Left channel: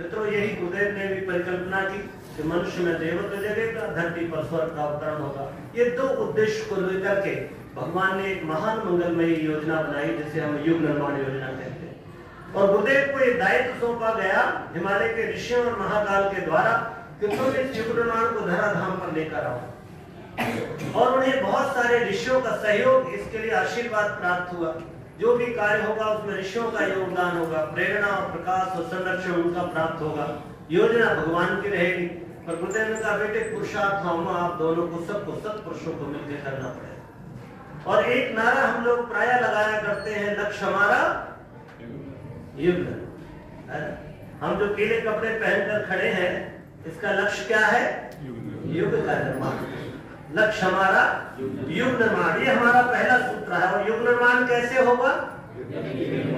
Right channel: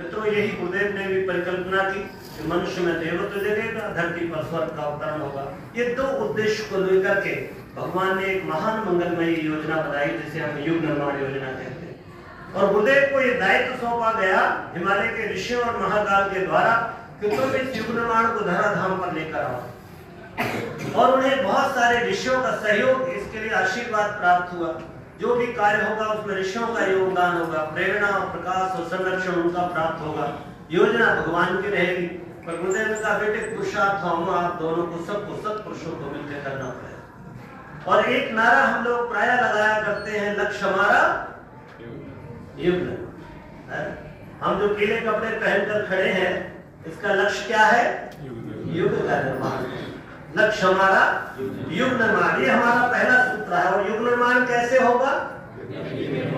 मित्रों, यही गुरुदेव ने भी परिकल्पना की कि मनुष्य में देवत्व जगेगा, धरती पर स्वर्ग का अवतरण होगा। ये दो उद्देश्य को लेकर के भगवान ने एक महान मंगलमयी योजना बनाई, जिसे हम युग निर्माण योजना कहते हैं। और गुरुदेव को ये दायित्व सौंपा गया हिमालय के ऋषियों और महाकाल के द्वारा कि तुम इस युग निर्माण को धराधाम पर लेकर आओ। और उन्हें बहुत सारे ऋषियों का सहयोग, इसके लिए आशीर्वाद प्राप्त हुआ। जो भी कार्य होगा उसमें ऋषियों का योगदान होगा, प्रेरणा और प्रकाश और संरक्षण उनका प्राप्त होगा। योजना भगवान की रहेगी। पर गुरुदेव ने कहा, बेटे पुरुषार्थ हम आप दोनों को, सबको सत्पुरुषों को मिलकर करना पड़ेगा। और एक नारा हम लोग प्राय लगाया करते हैं, लक्ष्य हमारा युग। हम जो पीले कपड़े पहनकर खड़े हैं, इसका लक्ष्य क्या है? युग का निर्माण। लक्ष्य हमारा युग निर्माण, ये हमारा पहला सूत्र है। और युग निर्माण कैसे होगा?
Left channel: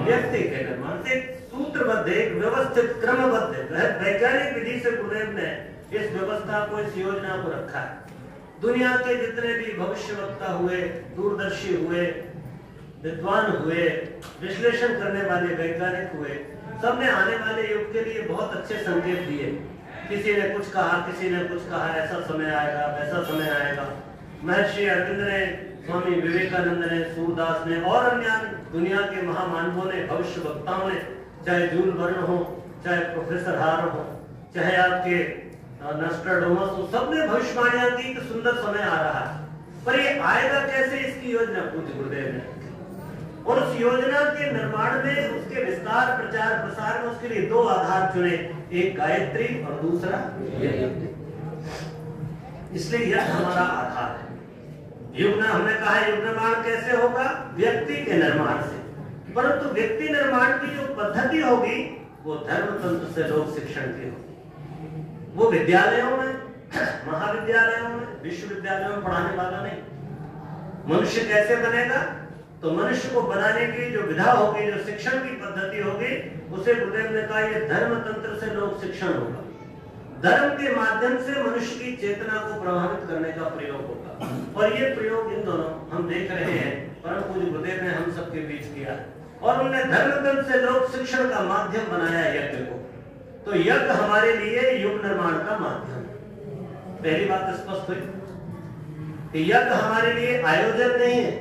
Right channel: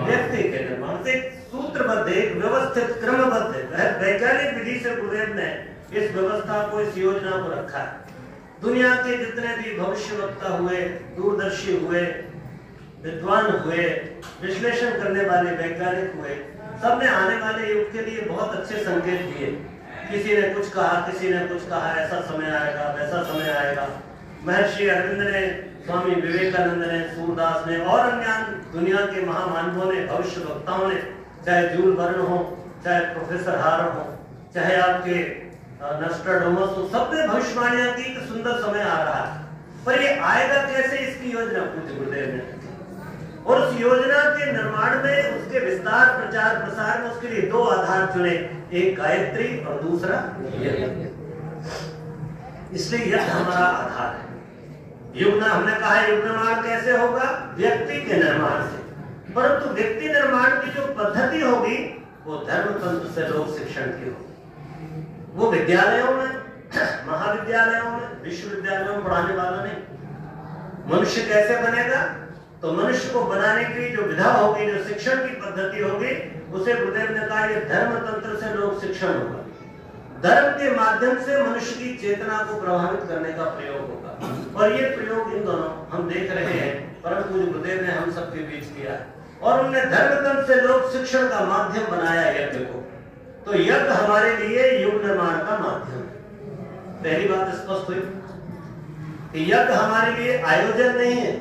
व्यक्ति के निर्माण से। सूत्रबद्ध, एक व्यवस्थित, क्रमबद्ध वैज्ञानिक विधि से गुरुदेव ने इस व्यवस्था को, इस योजना को रखा है। दुनिया के जितने भी भविष्यवक्ता हुए, दूरदर्शी हुए, विद्वान हुए, विश्लेषण करने वाले वैज्ञानिक हुए, सबने आने वाले युग के लिए बहुत अच्छे संकेत दिए। किसी ने कुछ कहा, किसी ने कुछ कहा, ऐसा समय आएगा, वैसा समय आएगा। महर्षि अरविंद ने, स्वामी विवेकानंद ने, सूरदास ने और अन्य दुनिया के महामानवों ने, भविष्यवक्ताओं ने, चाहे जूल वर्न हो, चाहे प्रोफेसर हार हो, चाहे आपके नस्ट्राडामस हो, सबने भविष्यवाणियां की कि सुंदर समय आ रहा है। पर ये आएगा कैसे, इसकी योजना पूज्य गुरुदेव ने। और उस योजना के निर्माण में, उसके विस्तार, प्रचार, प्रसार में उसके लिए दो आधार चुने, एक गायत्री और दूसरा यज्ञ। इसलिए यज्ञ हमारा आधार है। युग ना, हमने कहा युग निर्माण कैसे होगा? व्यक्ति के निर्माण से। परंतु व्यक्ति निर्माण की जो पद्धति होगी वो धर्म तंत्र से लोक शिक्षण की होगी। वो विद्यालयों में, महाविद्यालयों में, विश्वविद्यालयों में पढ़ाने वाला नहीं। मनुष्य कैसे बनेगा? तो मनुष्य को बनाने की जो विधा होगी, जो शिक्षण की पद्धति होगी, उसे गुरुदेव ने कहा ये धर्म तंत्र से लोक शिक्षण होगा। धर्म के माध्यम से मनुष्य की चेतना को प्रभावित करने का प्रयोग होगा। और ये प्रयोग इन दोनों हम देख रहे हैं, परम पूज्य गुरुदेव ने हम सबके बीच किया है। और उन्होंने धर्म तंत्र से लोक शिक्षण का माध्यम बनाया यज्ञ को। तो यज्ञ हमारे लिए युग निर्माण का माध्यम है। पहली बात स्पष्ट हुई कि यज्ञ हमारे लिए आयोजन नहीं है,